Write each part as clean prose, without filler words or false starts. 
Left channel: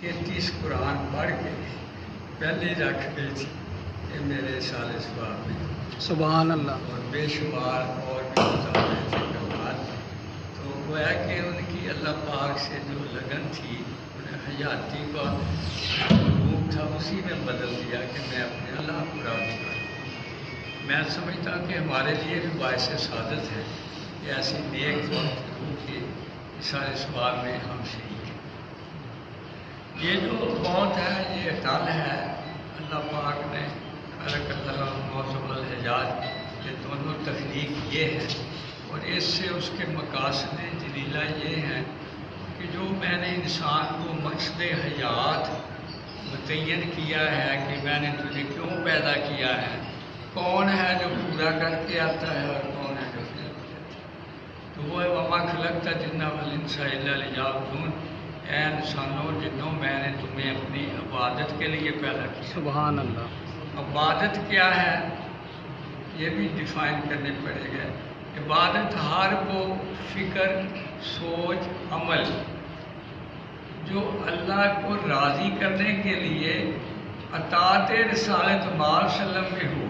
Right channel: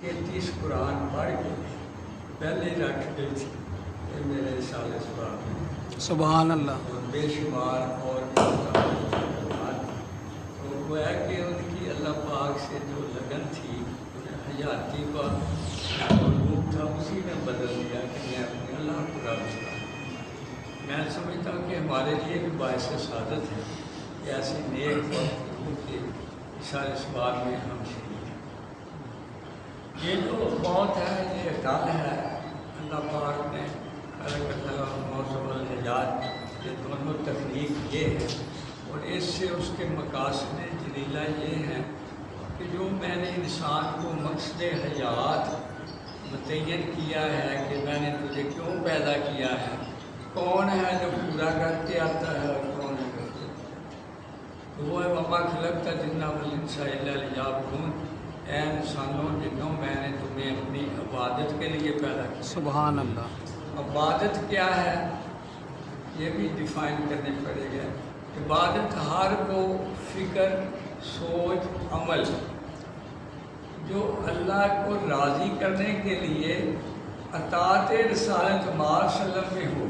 33 قرآن پڑھ کے پہلے ہی رکھ گئی تھی کہ میرے سال ثواب میں سبحان اللہ. اور بے شمار اور بھی مزامین تھے کلمات. تو وہ ہے کہ ان کی اللہ پاک سے جو لگن تھی انہیں حیاتی کا ملوک تھا اسی میں بدل دیا کہ میں اپنے اللہ کو راضی کروں. میں سمجھتا ہوں کہ ہمارے لیے بھی باعث سعادت ہے کہ ایسی نیک وقت ہو کہ سارے ثواب میں ہم شریک ہیں. یہ جو موت ہے یہ اٹل ہے. اللہ پاک نے خلق اللہ موت الحجات یہ دونوں تخلیق یہ ہے اور اس سے اس کے مقاصد جلیلہ یہ ہے کہ جو میں نے انسان کو مقصد حیات متعین کیا ہے کہ میں نے تجھے کیوں پیدا کیا ہے, کون ہے جو پورا کر کے آتا ہے اور کون ہے جو فیل ہو جاتا ہے. تو وہ ہے وما خلقت الجن والانس الا لیعبدون. اے انسانوں جنوں میں نے تمہیں اپنی عبادت کے لیے پیدا کیا. سبحان اللہ. عبادت کیا ہے یہ بھی ڈیفائن کرنے پڑے گا. عبادت ہر وہ فکر سوچ عمل جو اللہ کو راضی کرنے کے لیے اطاعت رسالت مار سلم میں ہو.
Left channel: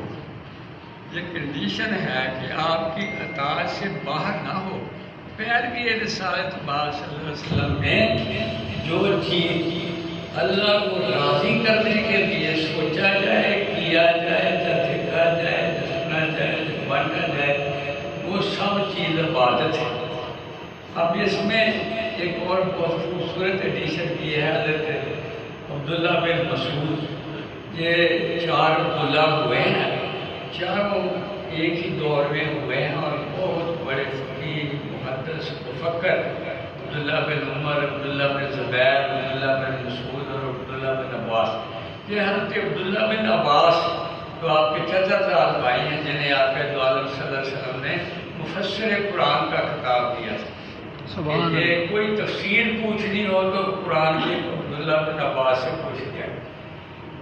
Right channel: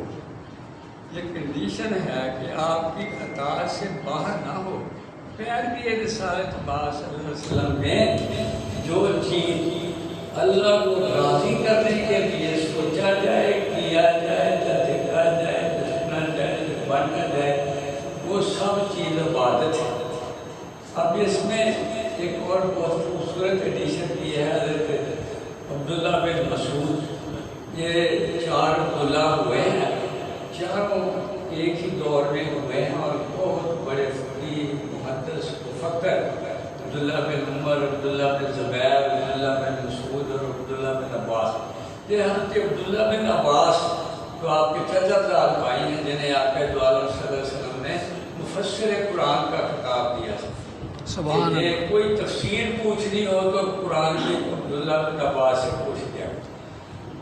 یہ کنڈیشن ہے کہ آپ کی اطاعت سے باہر نہ ہو. پیروی رسالت مار صلی اللہ علیہ وسلم میں جو چیز اللہ کو راضی کرنے کے لیے سوچا جائے, کیا جائے, دیکھا جائے, سنا جائے, بانٹا جائے, وہ سب چیز عبادت ہے. اب اس میں ایک اور بہت خوبصورت ایڈیشن کی ہے حضرت عبداللہ بن مسعود. یہ 4 عبداللہ ہوئے ہیں, چاروں ایک ہی دور میں ہوئے ہیں اور بہت بڑے فقیہ محدث مفکر. عبداللہ بن عمر, عبداللہ بن زبیر, عبداللہ بن مسعود اور عبداللہ بن عباس. یہ حضرت عبداللہ بن عباس تو آپ کے چچا زاد بھائی ہیں جنہیں آقا دو عالم صلی اللہ علیہ وسلم نے مفسر قرآن کا خطاب دیا تھا. سبحان یہ اللہ. کوئی تفسیر پوچھنی ہو تو قرآن کی عبداللہ بن عباس سے پوچھ لیا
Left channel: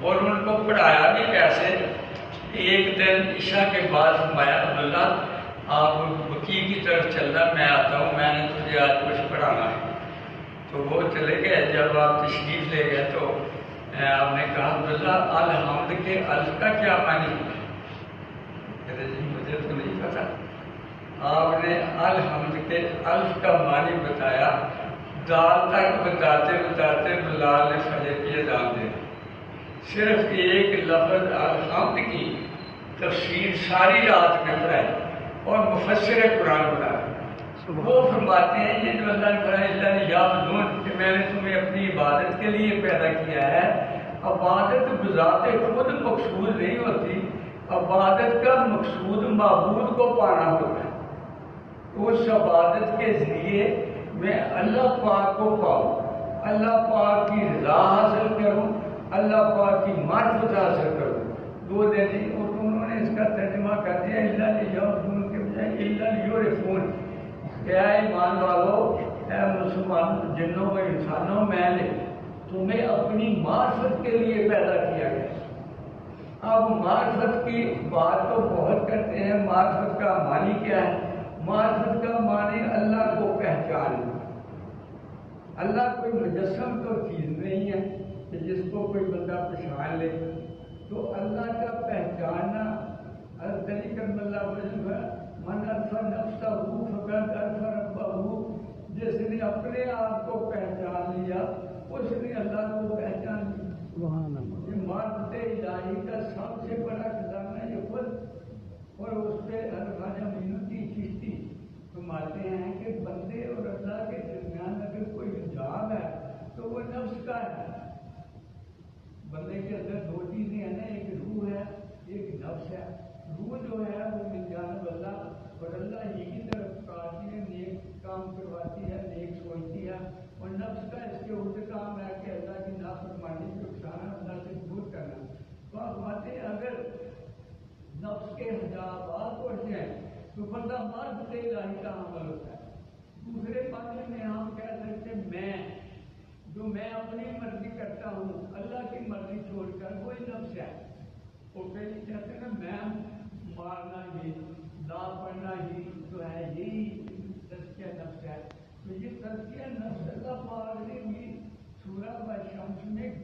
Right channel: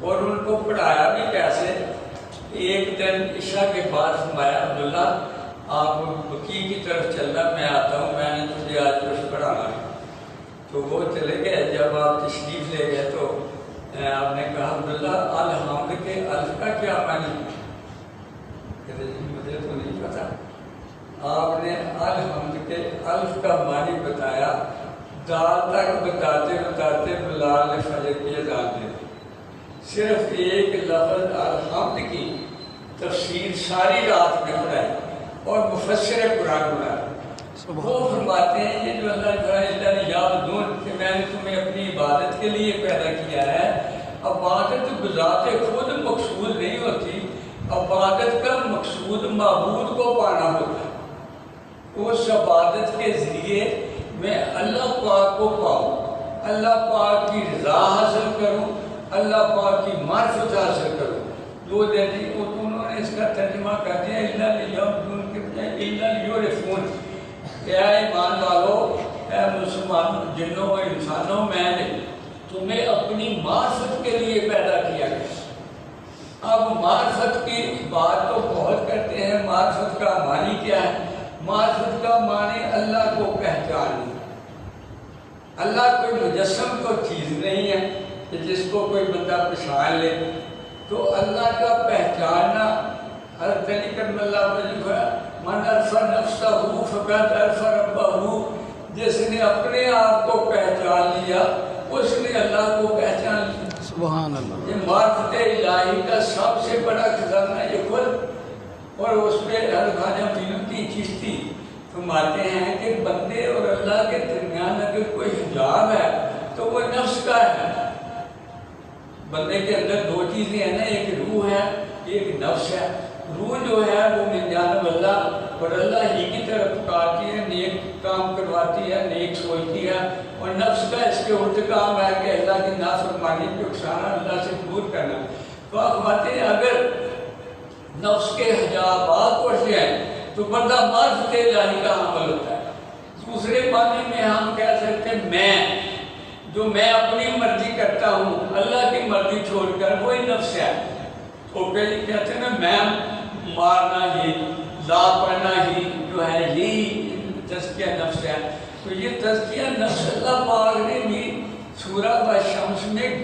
اور ان کو پڑھایا بھی کیسے. ایک دن عشاء کے بعد فرمایا عبداللہ آپ بقیع کی طرف چلنا, میں آتا ہوں, میں نے تجھے آج کچھ پڑھانا ہے. تو وہ چلے گئے. جب آپ تشریف لے گئے تو آپ نے کہا عبداللہ الحمد کے الف کا کیا معنی ہے؟ کہتے جی مجھے تو نہیں پتا. آپ نے الحمد کے الف کا معنی بتایا. دال تک بتاتے بتاتے بلال نے فجر کی اذان دے دی. صرف ایک لفظ الحمد کی تفسیر ساری رات میں پڑھائی اور مفسر قرآن بنایا. وہ فرماتے ہیں یہ جو اللہ یعبدون کہ میں نے تمہیں اپنی عبادت کے لیے پیدا کیا ہے. عبادت بذات خود مقصود نہیں ہوتی. عبادت کا مقصود معبود کو پانا ہوتا ہے. اس عبادت کے ذریعے میں اللہ پاک کو پاؤں, اللہ پاک کی رضا حاصل کروں, اللہ پاک کی معرفت حاصل کروں. 2 دن انہوں نے اس کا ترجمہ کر دیا الا لیعبدون کے بجائے الا لیعرفون. اے ایمان والو, اے مسلمانوں, جنوں و انسانوں, میں نے تمہیں اپنی معرفت کے لیے پیدا کیا ہے. اب معرفت کی بات تو بہت کرتے ہیں. معرفت کا معنی کیا ہے؟ معرفت کا معنی اللہ کو پہچاننا. اللہ کوئی مجسم تو چیز نہیں ہے کہ جس کو کوئی بندہ پہچان لے. تو اللہ کا پہچاننا حضرت علی کرم اللہ وجہ ہے من عرف نفسہ فقد عرف ربہ. جس نے اپنے آپ کو پہچان لیا اس نے اللہ کو پہچان لیا. سبحان اللہ. یہ معرفت الہی کا سب سے بڑا خزانہ یہ خود. اور اس پہ حضرت خواجہ معین الدین چشتی فرماتے ہیں کہ بندے اور اللہ کے درمیان اگر کوئی حجاب ہے تو وہ نفس کا ہے. بندے کے اندر 2 چیزیں ہیں نا, ایک روح ہے ایک نفس ہے. روح جو ہے وہ من جانب اللہ اور اللہ ہی کی طرف پکارتی ہے, نیک کام کرواتی ہے, نیک سوچتی ہے. اور نفس کا اس کے الٹ کام ہے کہ اللہ کی نافرمانی کو اکسانا, اللہ سے دور کرنا. تو آپ فرماتے ہیں اگر نفس کے حجابات اٹھ جائیں تو بندہ معرفت الہی کا حامل ہوتا ہے. دوسرے معنی میں ہم کہہ سکتے ہیں میں جو میں اپنی مرضی کرتا ہوں, اللہ کی مرضی چھوڑ کر وہی نفس ہے. تو پہلے کہتے ہیں نا میں مارنا ہی, لا پڑھنا ہی جو ہے یہی تزکیہ نفس ہے. تو یہ تزکیہ نفس اللہ پاک نے بھی سورہ و شمس میں